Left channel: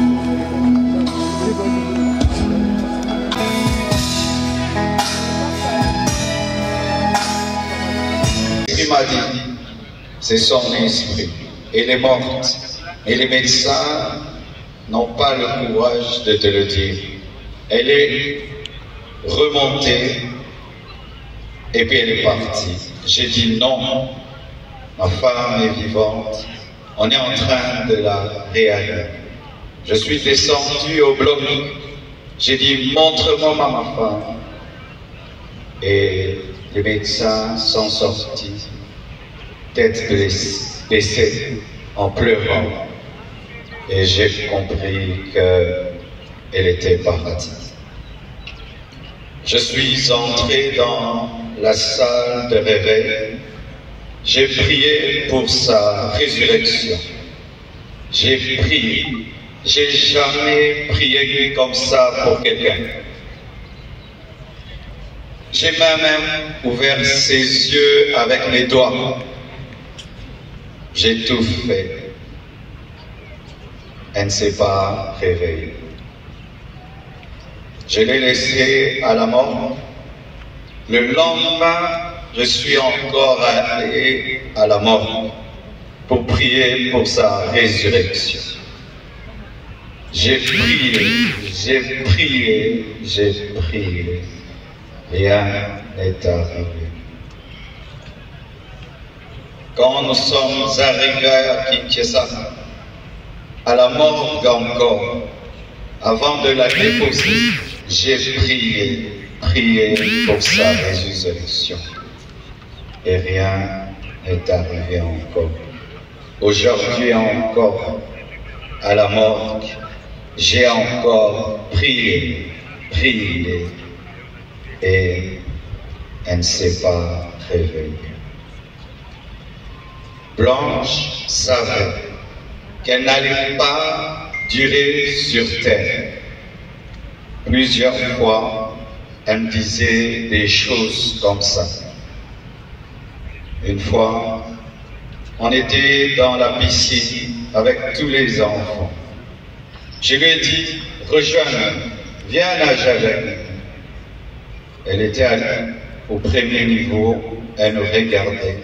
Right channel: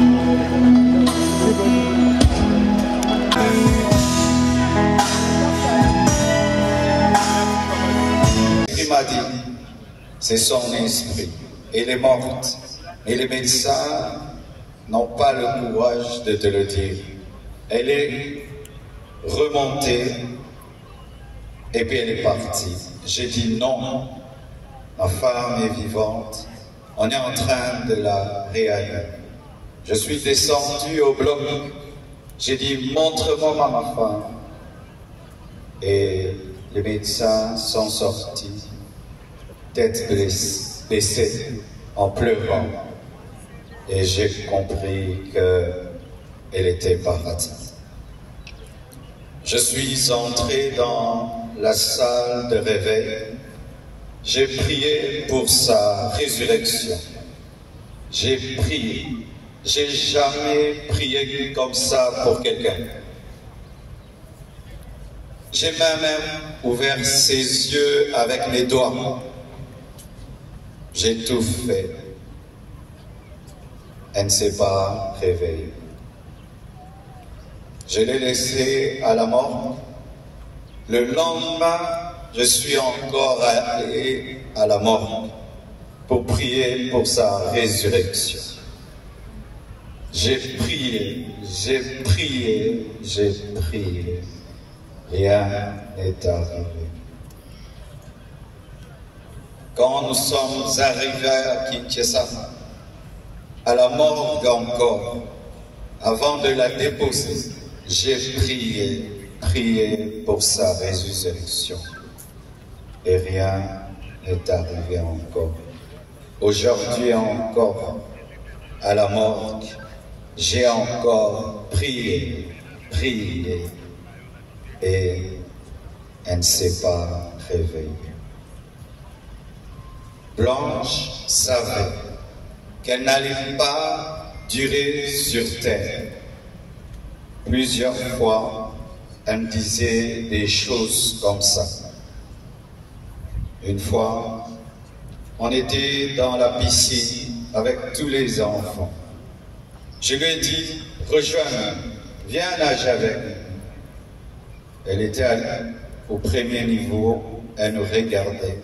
Il m'a dit, c'est son esprit. Elle est morte. Et les médecins n'ont pas le courage de te le dire. Elle est remontée et puis elle est partie. J'ai dit non, ma femme est vivante. On est en train de la réanimer. Je suis descendu au bloc. J'ai dit montre-moi ma femme. Et les médecins sont sortis, tête baissée, en pleurant. Et j'ai compris qu'elle était partie. Je suis entré dans la salle de réveil. J'ai prié pour sa résurrection. J'ai prié. J'ai jamais prié comme ça pour quelqu'un. J'ai même ouvert ses yeux avec mes doigts. J'ai tout fait. Elle ne s'est pas réveillée. Je l'ai laissée à la mort. Le lendemain, je suis encore allé à la mort pour prier pour sa résurrection. J'ai prié, j'ai prié, j'ai prié. Rien n'est arrivé. Quand nous sommes arrivés à Kinshasa, à la morgue encore, avant de la déposer, j'ai prié pour sa résurrection. Et rien n'est arrivé encore. Aujourd'hui encore, à la morgue, j'ai encore prié, et elle ne s'est pas réveillée. Blanche savait qu'elle n'allait pas durer sur terre. Plusieurs fois, elle me disait des choses comme ça. Une fois, on était dans la piscine avec tous les enfants. Je lui ai dit, rejoins-nous, viens nager avec nous. Elle était au premier niveau, elle nous regardait.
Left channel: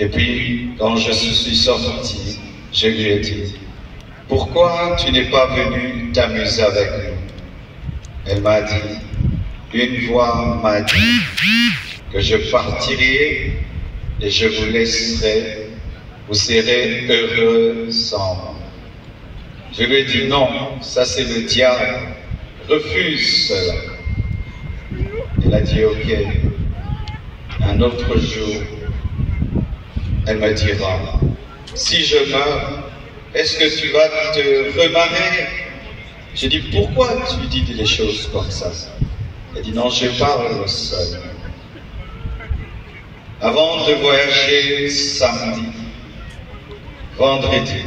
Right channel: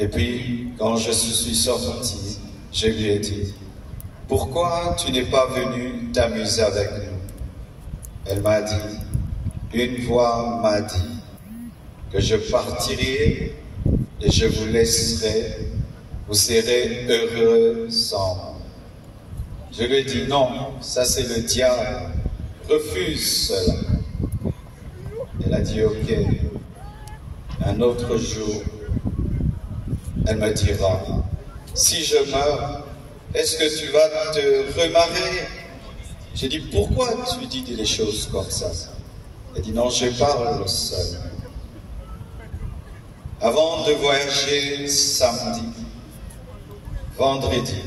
Et puis, quand je suis sorti, je lui ai dit, pourquoi tu n'es pas venu t'amuser avec nous? Elle m'a dit, une voix m'a dit que je partirai et je vous laisserai, vous serez heureux sans moi. Je lui ai dit, non, ça c'est le diable, refuse cela. Elle a dit, ok, un autre jour, elle me dira, si je meurs, est-ce que tu vas te remarier? J'ai dit, pourquoi tu dis des choses comme ça? Elle dit, non, je parle seul. Avant de voyager samedi, vendredi,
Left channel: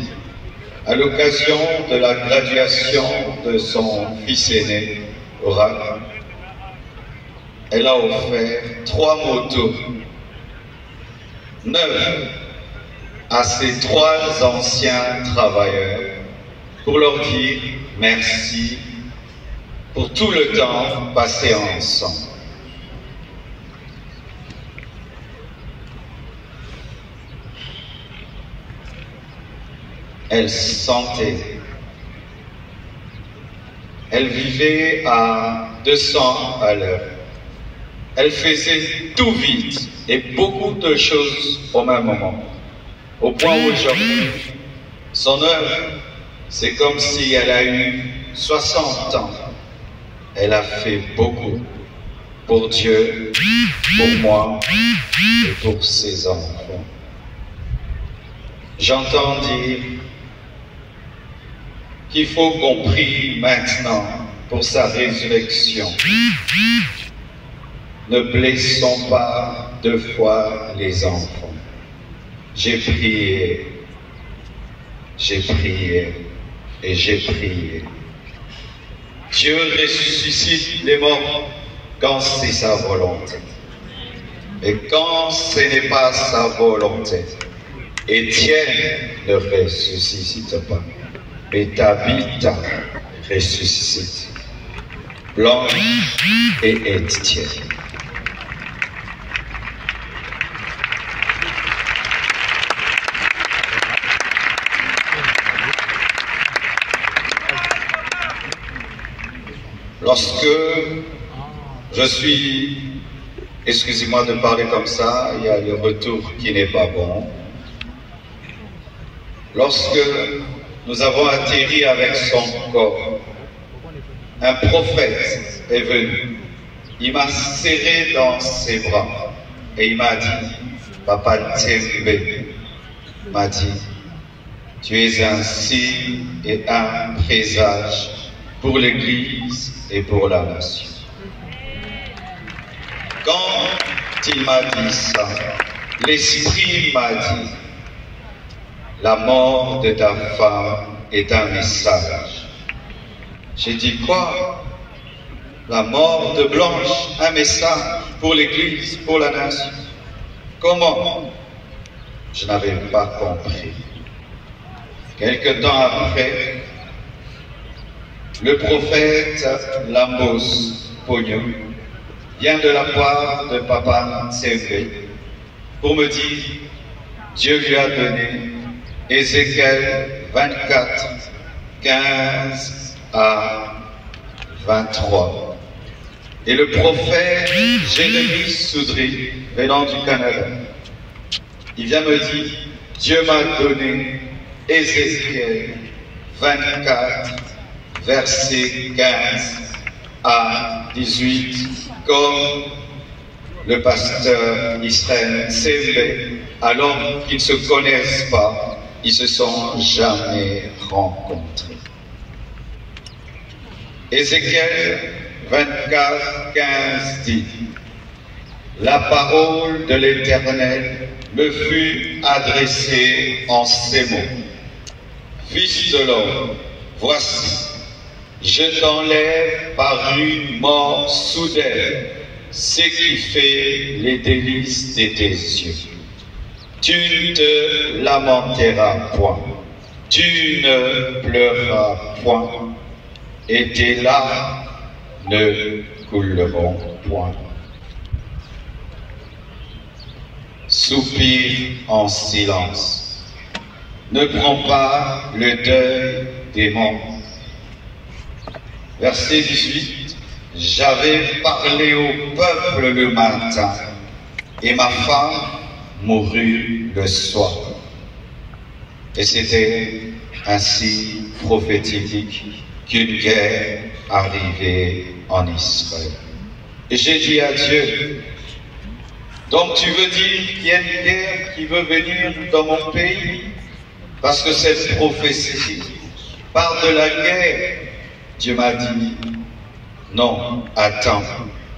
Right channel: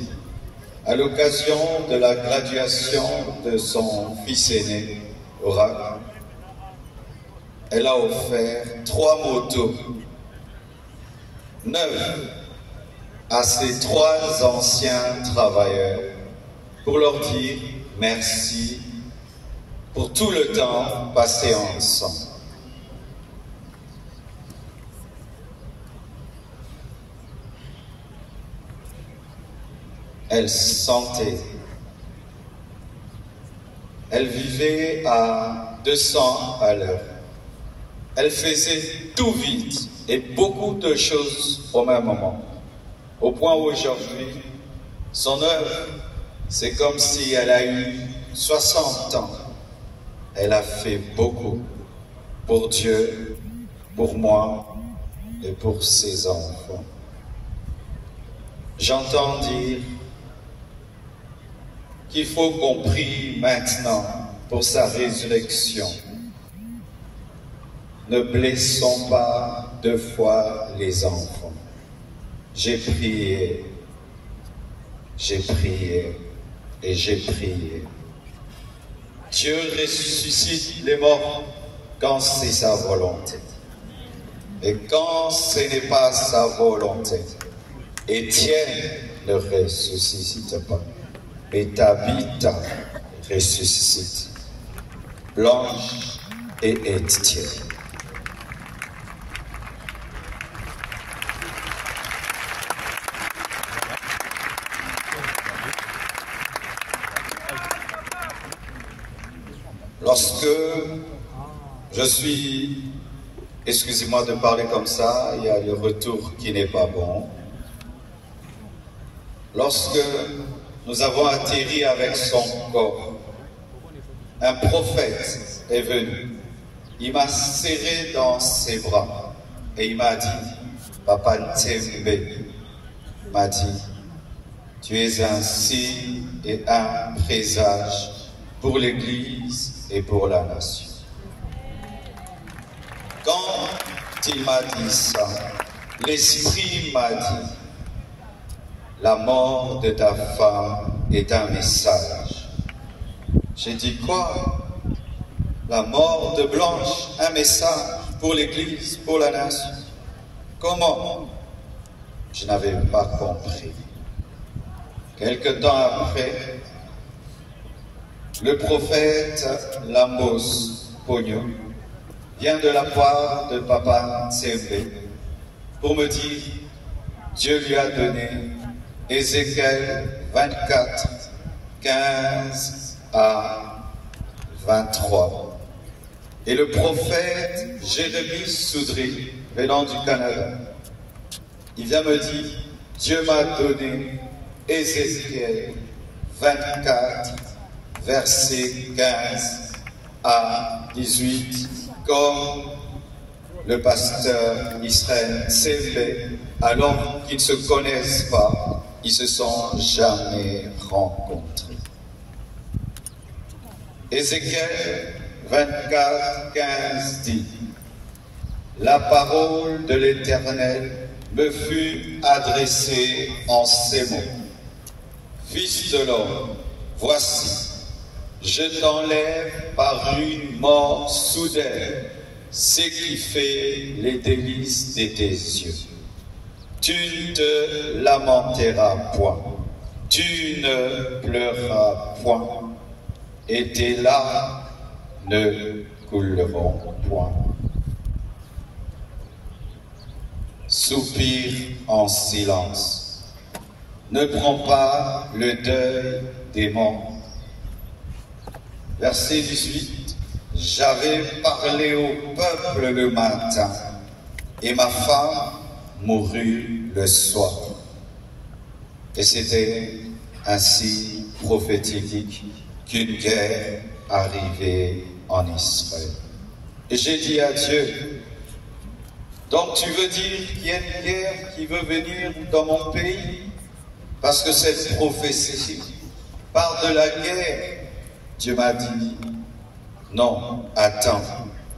à l'occasion de la graduation de son fils aîné, Oracle, elle a offert 3 motos, 9 à ses 3 anciens travailleurs pour leur dire merci pour tout le temps passé ensemble. Elle sentait. Elle vivait à 200 à l'heure. Elle faisait tout vite et beaucoup de choses au même moment. Au point où aujourd'hui, son œuvre, c'est comme si elle a eu 60 ans. Elle a fait beaucoup pour Dieu, pour moi et pour ses enfants. J'entends dire qu'il faut qu'on prie maintenant pour sa résurrection. Ne blessons pas 2 fois les enfants. J'ai prié et j'ai prié. Dieu ressuscite les morts quand c'est sa volonté. Et quand ce n'est pas sa volonté, Étienne ne ressuscite pas. mais Tabitha ressuscite. Blanche et Étienne. Lorsque je suis, excusez-moi de parler comme ça, il y a le retour qui n'est pas bon. Lorsque nous avons atterri avec son corps, un prophète est venu. Il m'a serré dans ses bras et il m'a dit, Papa Tsembe m'a dit, tu es un signe et un présage pour l'Église et pour la nation. Quand il m'a dit ça, l'Esprit m'a dit, la mort de ta femme est un message. J'ai dit quoi? La mort de Blanche, un message pour l'Église, pour la nation. Comment? Je n'avais pas compris. Quelque temps après, le prophète Lambos Pognon vient de la part de Papa Tsembe pour me dire, Dieu lui a donné Ézéchiel 24, 15 à 23. Et le prophète Jérémie Soudry, venant du Canada, il vient me dire, Dieu m'a donné Ézéchiel 24, versets 15 à 18, comme le pasteur Israël Tsembe, alors qu'ils ne se connaissent pas, ils se sont jamais rencontrés. Ézéchiel 24, 15 dit, la parole de l'Éternel me fut adressée en ces mots. Fils de l'homme, voici, je t'enlève par une mort soudaine ce qui fait les délices de tes yeux. Tu ne te lamenteras point, tu ne pleureras point, et tes larmes ne couleront point. Soupire en silence. Ne prends pas le deuil des morts. Verset 18. J'avais parlé au peuple le matin, et ma femme mourut le soir. Et c'était ainsi prophétique qu'une guerre arrivait en Israël. Et j'ai dit à Dieu, donc tu veux dire qu'il y a une guerre qui veut venir dans mon pays? Parce que cette prophétie parle de la guerre. Dieu m'a dit, non, attends,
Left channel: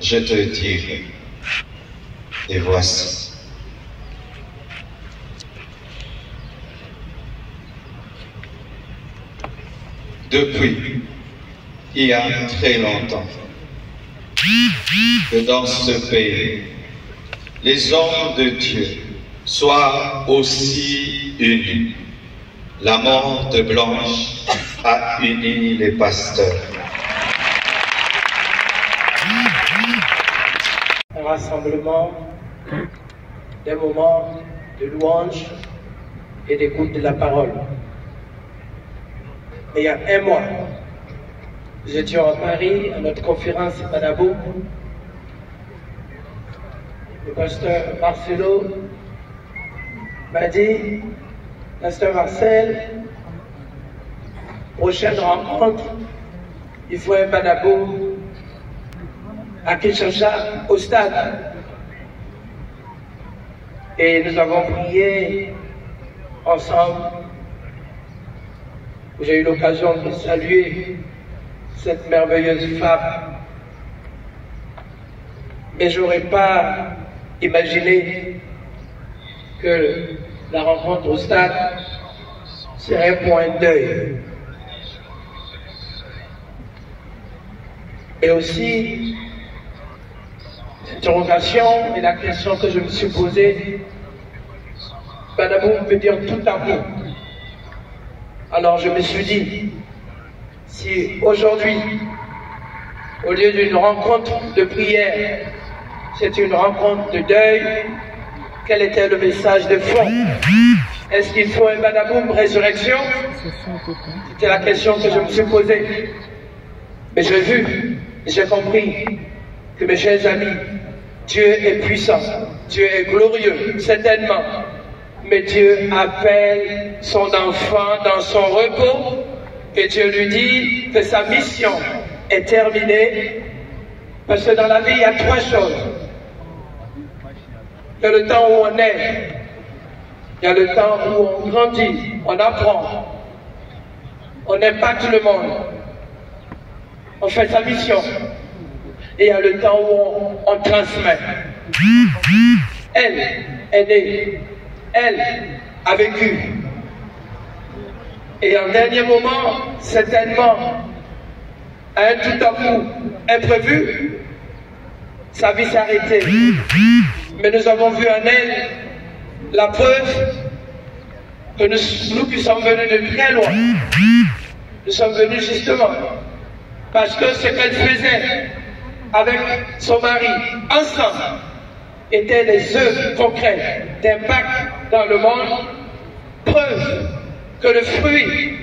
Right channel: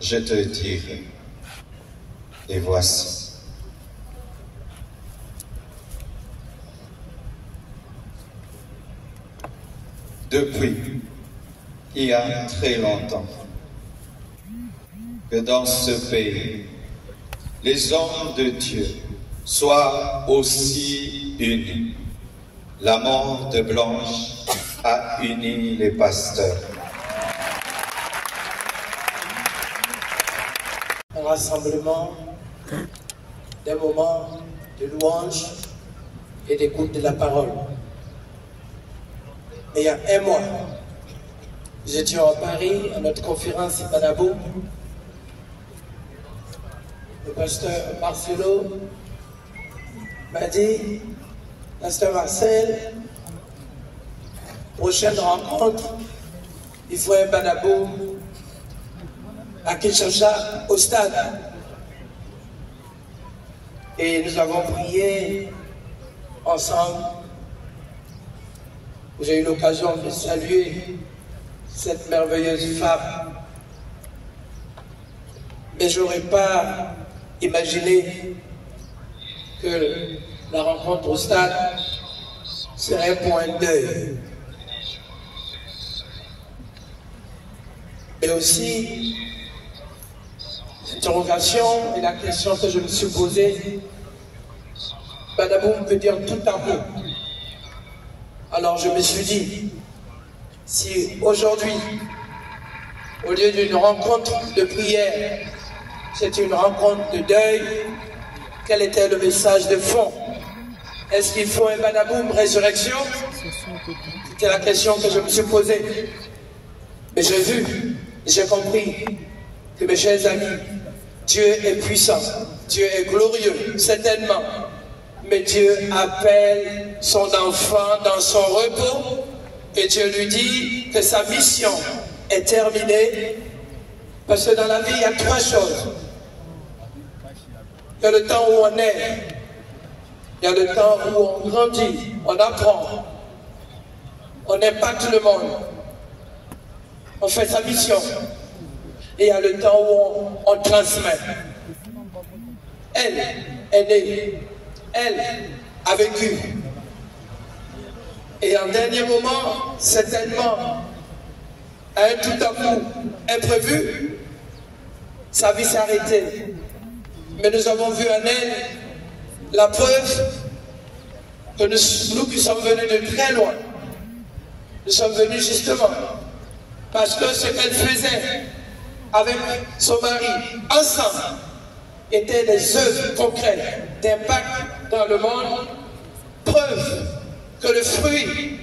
je te dirai. Et voici. Depuis, il y a très longtemps, que dans ce pays, les hommes de Dieu soient aussi unis. La mort de Blanche a uni les pasteurs. Un rassemblement, des moments de louange et d'écoute de la parole. Et il y a un mois, nous étions à Paris, à notre conférence à Badabou. Le pasteur Marcelo m'a dit, pasteur Marcel, prochaine rencontre, il faut un Badabou à Kinshasa, au stade. Et nous avons prié ensemble. J'ai eu l'occasion de saluer cette merveilleuse femme. Mais je n'aurais pas imaginé que la rencontre au stade serait un point d'œil. Et aussi, l'interrogation et la question que je me suis posée, Badabou peut dire tout amour. Alors je me suis dit, si aujourd'hui, au lieu d'une rencontre de prière, c'est une rencontre de deuil, quel était le message de fond? Est-ce qu'il faut un badaboum résurrection? C'était la question que je me suis posée. Mais j'ai vu, j'ai compris que mes chers amis, Dieu est puissant, Dieu est glorieux, certainement. Mais Dieu appelle son enfant dans son repos et Dieu lui dit que sa mission est terminée. Parce que dans la vie, il y a trois choses. Il y a le temps où on est, il y a le temps où on grandit, on apprend, on impacte le monde, on fait sa mission. Et il y a le temps où on transmet. Elle est née, elle a vécu. Et en dernier moment, certainement, à un tout à coup imprévu, sa vie s'est arrêtée. Mais nous avons vu en elle la preuve que nous qui sommes venus de très loin, nous sommes venus justement parce que ce qu'elle faisait avec son mari ensemble étaient des œuvres concrètes d'impact dans le monde, preuve que le fruit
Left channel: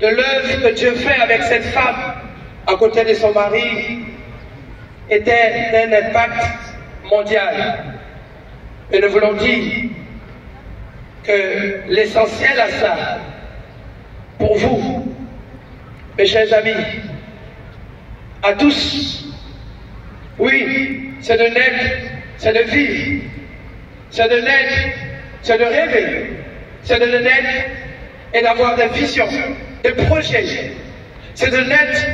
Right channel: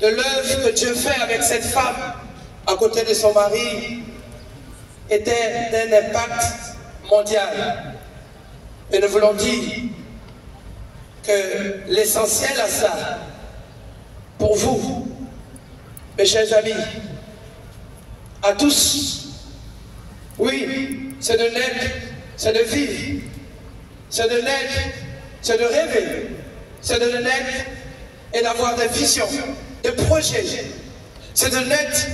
de l'œuvre que Dieu fait avec cette femme à côté de son mari était d'un impact mondial. Et nous voulons dire que l'essentiel à ça, pour vous, mes chers amis, à tous, oui, c'est de naître, c'est de vivre, c'est de naître, c'est de rêver, c'est de naître et d'avoir des visions, des projets, c'est de naître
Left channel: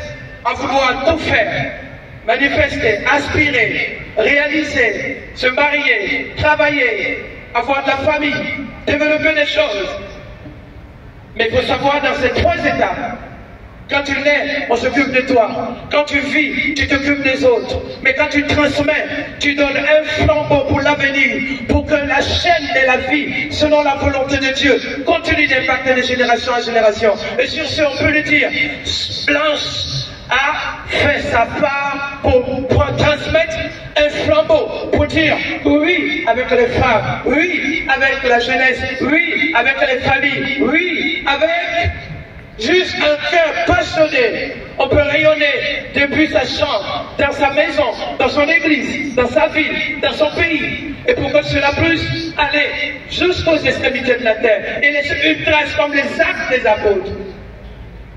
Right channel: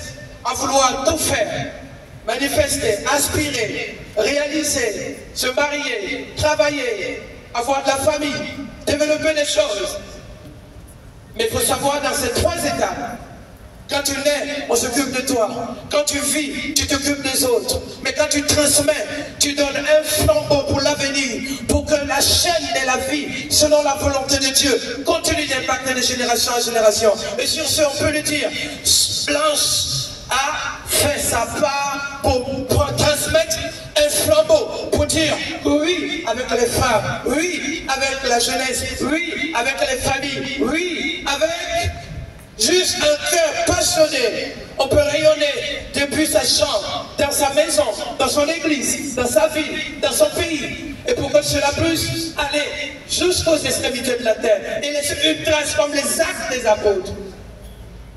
à vouloir tout faire, manifester, aspirer, réaliser, se marier, travailler, avoir de la famille, développer des choses. Mais il faut savoir dans ces trois étapes, quand tu nais, on s'occupe de toi. Quand tu vis, tu t'occupes des autres. Mais quand tu transmets, tu donnes un flambeau pour l'avenir, pour que la chaîne de la vie, selon la volonté de Dieu, continue d'impacter de génération en génération. Et sur ce, on peut le dire, Blanche a fait sa part pour transmettre un flambeau, pour dire oui avec les femmes, oui avec la jeunesse, oui avec les familles, oui avec juste un cœur passionné. On peut rayonner depuis sa chambre, dans sa maison, dans son église, dans sa ville, dans son pays. Et pour que cela puisse aller jusqu'aux extrémités de la terre et laisser une trace comme les actes des apôtres.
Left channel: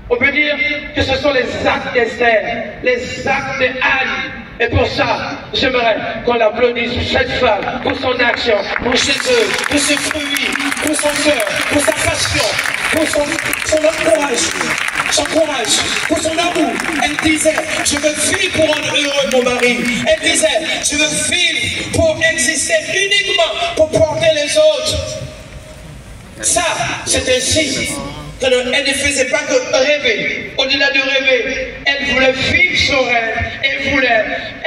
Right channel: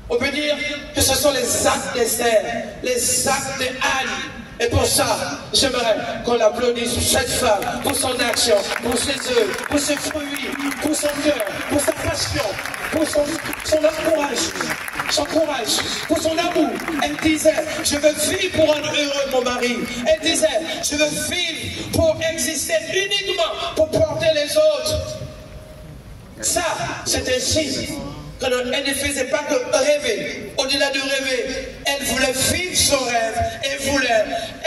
On peut dire que ce sont les actes d'Esther, les actes d'Anne. Et pour ça, j'aimerais qu'on applaudisse cette femme pour son action, pour ses œuvres, pour ses fruits, pour son cœur, pour sa passion, pour son courage, pour son amour. Elle disait, je veux vivre pour rendre heureux mon mari. Elle disait, je veux vivre pour exister uniquement pour porter les autres. Ça, c'est un signe. Elle ne faisait pas que rêver. Au-delà de rêver, elle voulait vivre son rêve. Elle voulait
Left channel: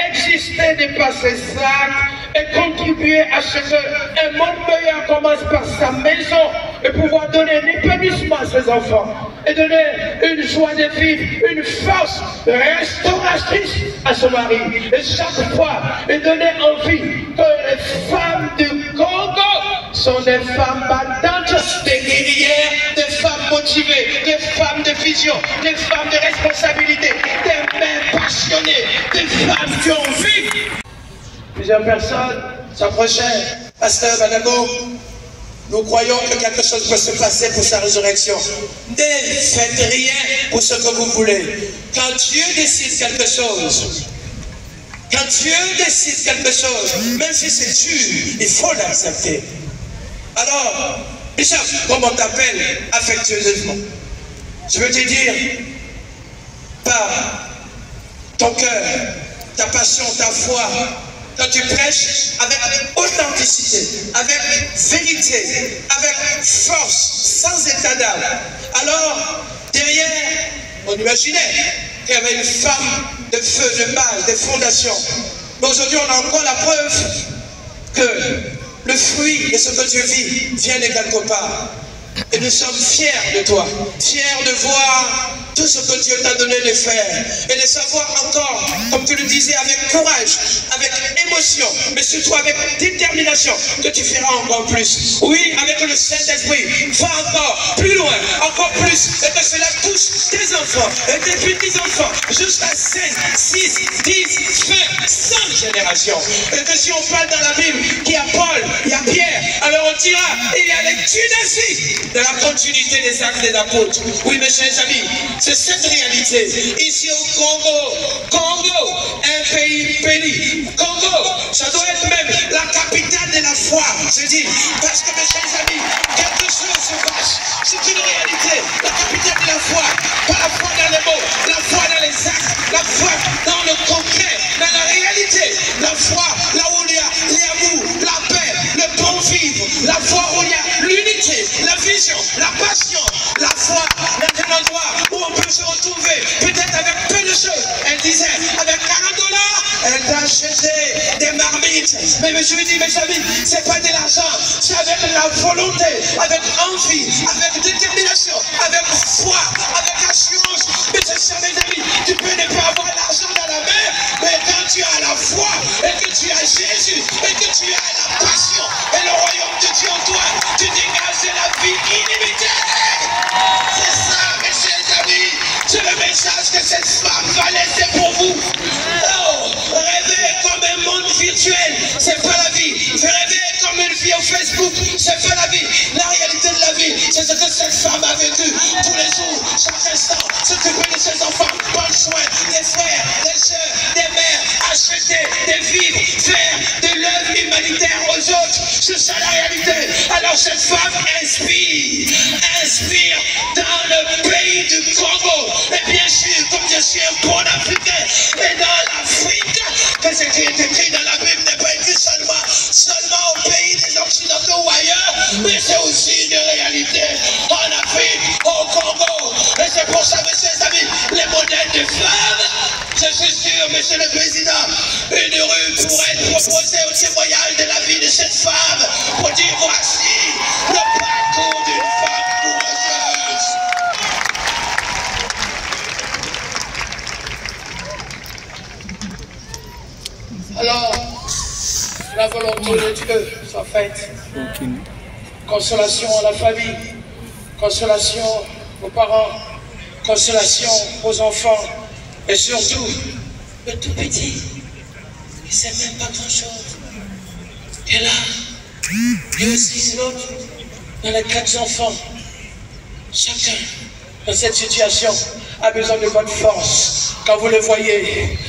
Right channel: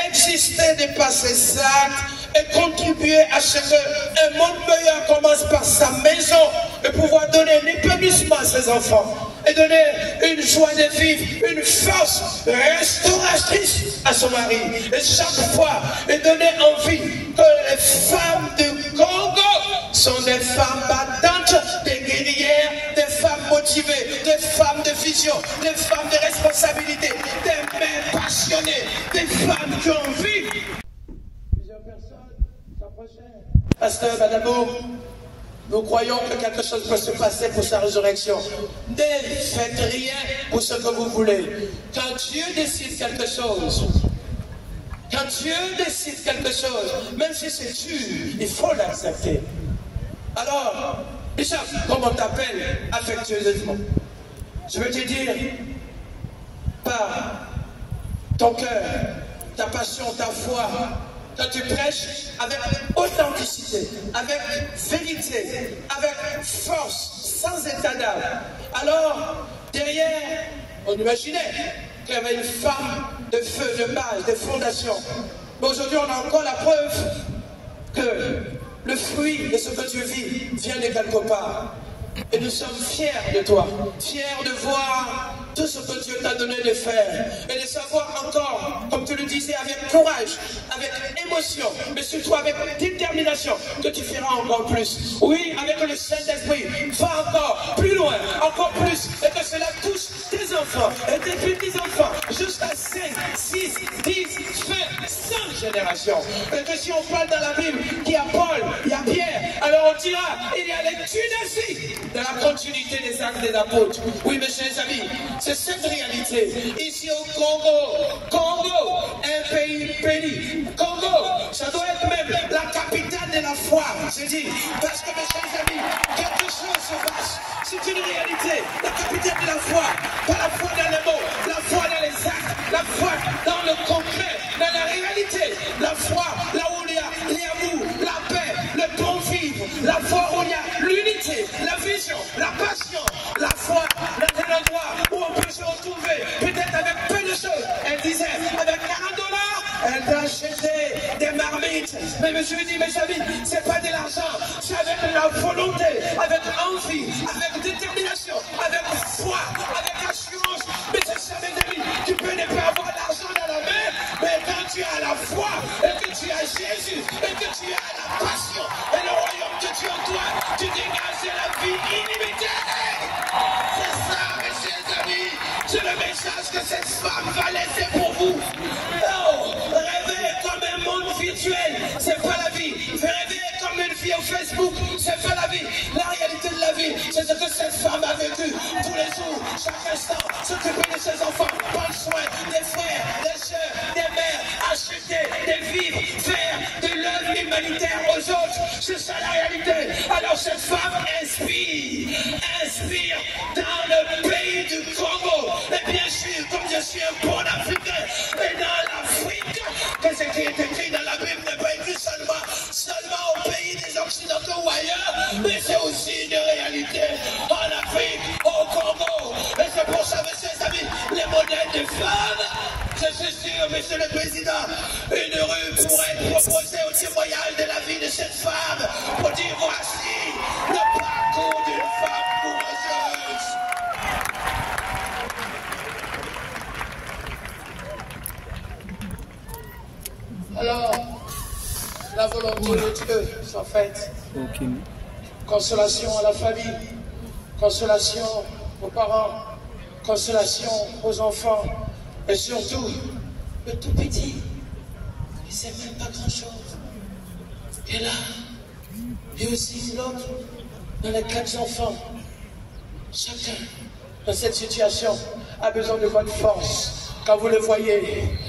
exister, dépasser ses actes et contribuer à ce qu'un monde meilleur commence par sa maison et pouvoir donner un épanouissement à ses enfants et donner une joie de vivre, une force restauratrice à son mari. Et chaque fois, et donner envie que les femmes du Congo sont des femmes battantes, des guerrières, des femmes motivées, des femmes de vision, des femmes de responsabilité, des mères passionnées, des femmes qui ont envie. Plusieurs personnes s'approchaient. Pasteur Badago, nous croyons que quelque chose peut se passer pour sa résurrection. Ne faites rien pour ce que vous voulez. Quand Dieu décide quelque chose, même si c'est dur, il faut l'accepter. Alors, Bishop, comme on t'appelle affectueusement, je veux te dire, par ton cœur, ta passion, ta foi, quand tu prêches avec authenticité, avec vérité, avec force, sans état d'âme, alors derrière, on imaginait qu'il y avait une femme de feu, de base, de fondation. Mais aujourd'hui, on a encore la preuve que le fruit de ce que tu vis vient de quelque part. Et nous sommes fiers de toi, fiers de voir tout ce que Dieu t'a donné de faire et de savoir encore, comme tu le disais, avec courage, avec émotion, mais surtout avec détermination, que tu feras encore plus. Oui, avec le Saint-Esprit, va encore plus loin, encore plus, et que cela touche tes enfants et tes petits-enfants jusqu'à 5, 6, 10, 20, 100 générations. Et que si on parle dans la Bible qu'il y a Paul, il y a Pierre, alors on dira, il y a les Tunisies de la continuité des actes des apôtres. Oui, mes chers amis, c'est cette réalité. Ici au Congo, un pays béni. Congo, ça doit être même la capitale de la foi, je dis. Parce que mes chers amis, quelque chose se passe. C'est une réalité. La capitale de la foi, pas la foi dans les mots, la foi dans les actes, la foi dans le concret, dans la réalité. La foi, là où il y a l'amour, la paix, le bon vivre. La foi où il y a l'unité, la vision, la passion. La foi dans un endroit où on peut se retrouver, peut-être avec peu de choses. Elle disait, avec $40, elle t'a acheté des marmites. Mais je lui dis, mes amis, c'est pas de l'argent, c'est avec la volonté, avec envie, avec détermination, avec foi, avec assurance. Mais c'est ça, mes amis, tu peux ne pas avoir l'argent dans la main, mais quand tu as la foi, et que tu as Jésus, et que tu as la passion, et le royaume de Dieu en toi, tu dégages la vie illimitée. C'est ça, mes chers amis, c'est le message que cette femme va laisser pour vous. Non, rêver comme un monde virtuel, c'est pas la vie. Rêver comme une vie au Facebook, c'est pas la vie. La réalité de la vie, c'est ce que cette femme a vécu tous les jours, chaque instant, s'occuper de ses enfants, prendre soin des frères, des soeurs, des mères, acheter des vivres, faire de l'œuvre humanitaire aux autres. C'est ça la réalité. Alors cette femme inspire dans le pays du Congo. Et bien sûr, comme je suis un bon Africain, et dans l'Afrique, que ce qui est écrit dans la Bible n'est pas écrit seulement au pays des Occidentaux ou ailleurs, mais c'est aussi une réalité en Afrique, au Congo. Et c'est pour ça, mes chers amis, les modèles des femmes, je suis sûr, monsieur le Président, une rue pourrait être proposée au témoignage de la vie de cette femme pour dire voici le parcours d'une femme courageuse. Alors, la volonté de Dieu soit faite. Consolation à la famille, consolation aux parents, consolation aux enfants, et surtout, le tout petit, il ne sait même pas grand-chose. Et là, et aussi l'autre, dans les 4 enfants, chacun dans cette situation a besoin de votre force. Quand vous le voyez,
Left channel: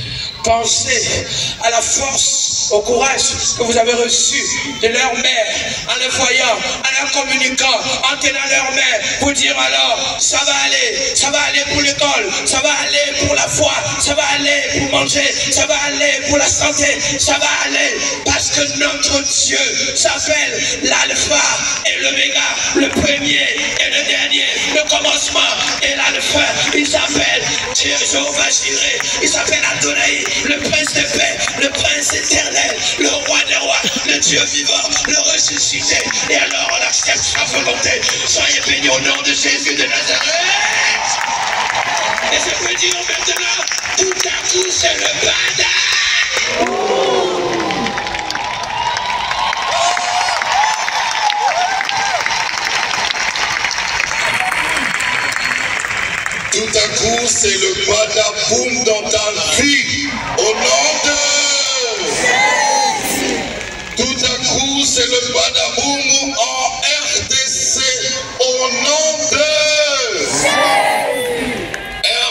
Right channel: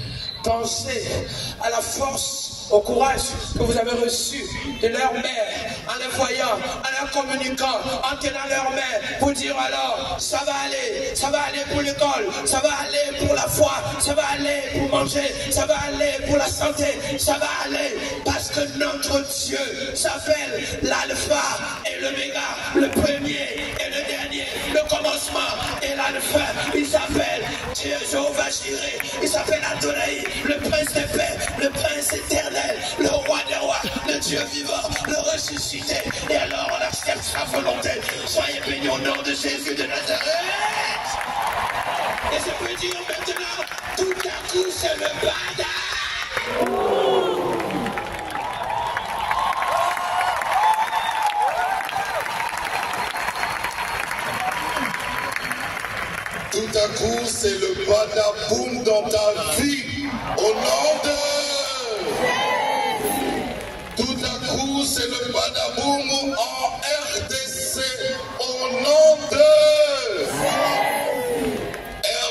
pensez à la force, au courage que vous avez reçu de leur mère, en le voyant, en leur communiquant, en tenant leur main, pour dire alors, ça va aller pour l'école, ça va aller pour la foi, ça va aller pour manger, ça va aller pour la santé, ça va aller, parce que notre Dieu s'appelle l'alpha et l'oméga, le premier et le dernier, le commencement et l'alpha. Il s'appelle Jéhovah Jireh, il s'appelle Adonai, le prince de paix, le prince éternel, le roi des rois, le Dieu vivant, le ressuscité. Et alors on accepte sa volonté. Soyez bénis au nom de Jésus de Nazareth. Et je peux dire maintenant, tout à coup c'est le bada. Tout à coup, c'est le badaboum dans ta vie. Au nom de... Tout à coup, c'est le badaboum en RDC. Au nom de...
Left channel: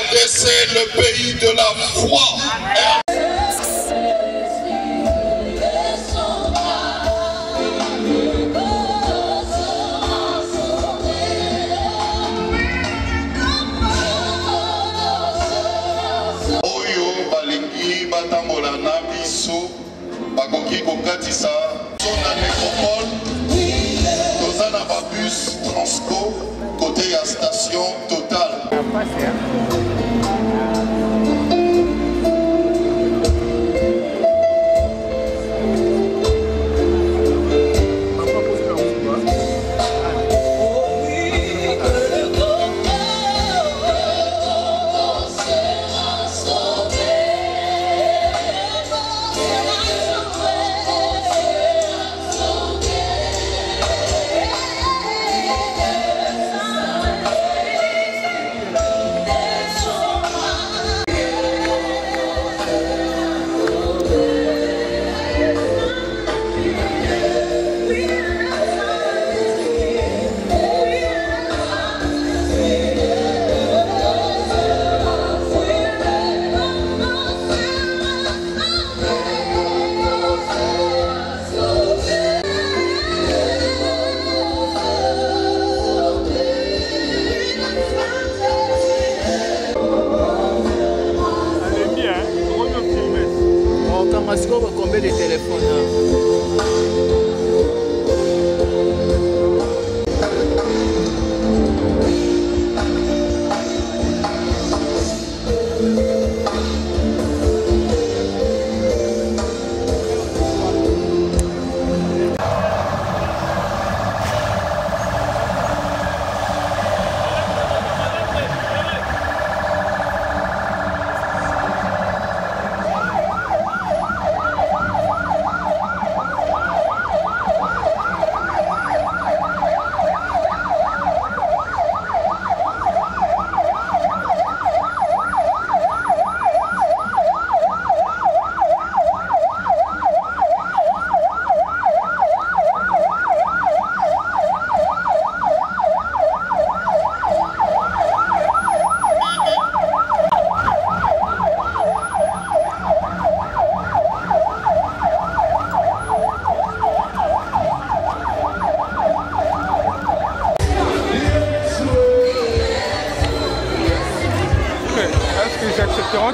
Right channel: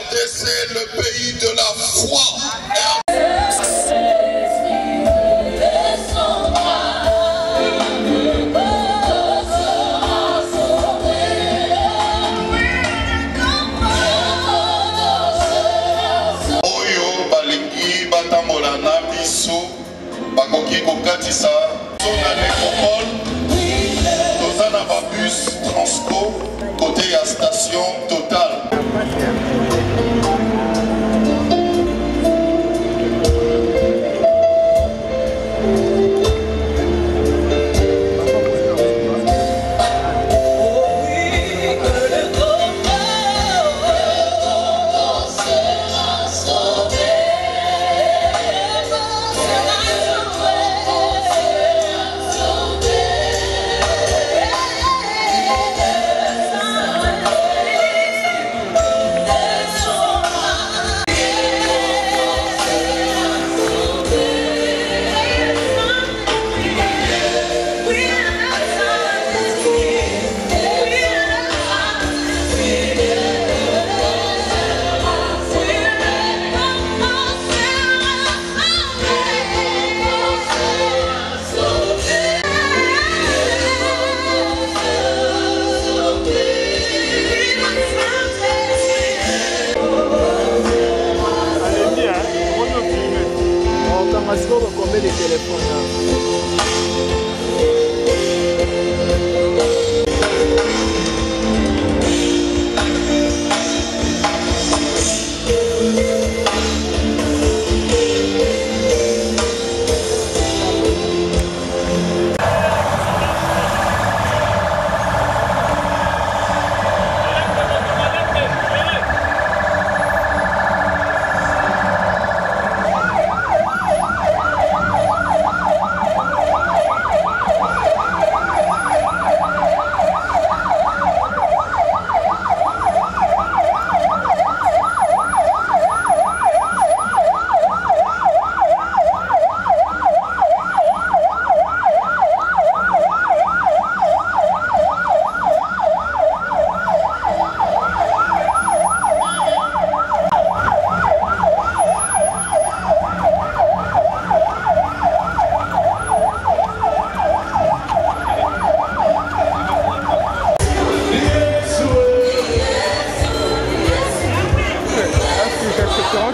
RDC, le pays de la foi. Bakoki kokatisa na nécropole toza na babus transpo côté ya station Total. Oh oui.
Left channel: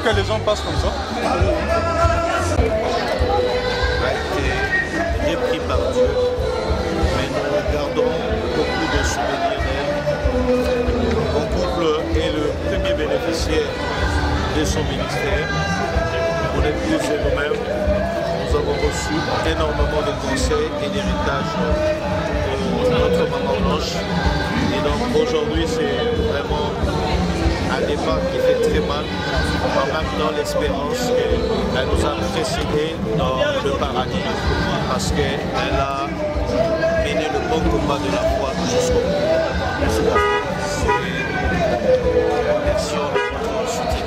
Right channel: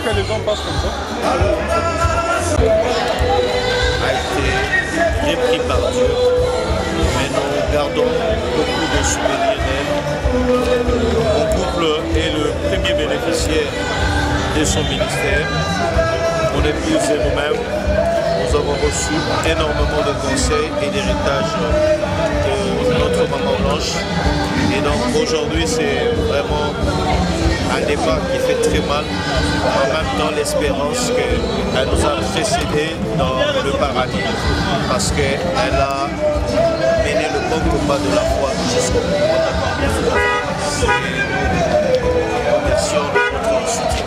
que les gens passent comme ça. A été repris par Dieu, mais nous gardons beaucoup de souvenirs d'elle. Mon couple est le premier bénéficiaire de son ministère. Mon épouse et nous-mêmes, nous avons reçu énormément de conseils et d'héritage de notre maman Blanche. Et donc aujourd'hui, c'est vraiment un départ qui fait très mal, en même temps l'espérance qu'elle nous a précédés dans le paradis, parce qu'elle a mené le bon combat de la foi jusqu'au bout. Nous remercions de votre soutien.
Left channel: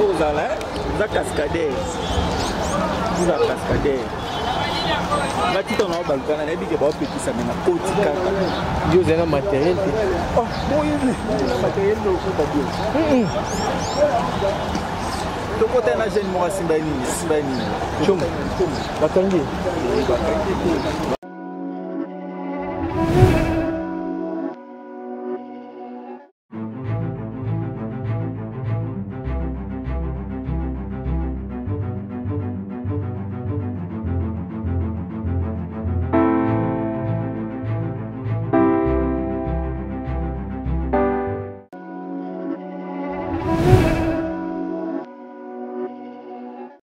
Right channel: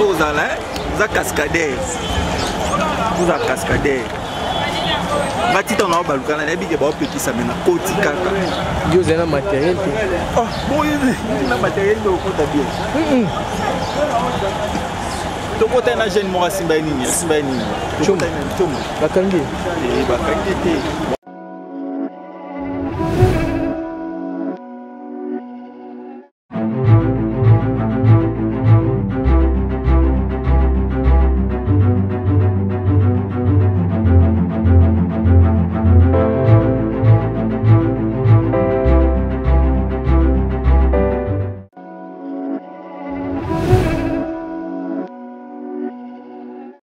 Vous avez cascadé. Vous avez cascadé. Matito na balukana na bige ba petit ça maintenant koti kaka. Yo zena matériel te. Oh, bon na matériel do ko tabi. To ko ta na jeune mo simba nini, simba nini. Chum. Bakangi. Bakangi te.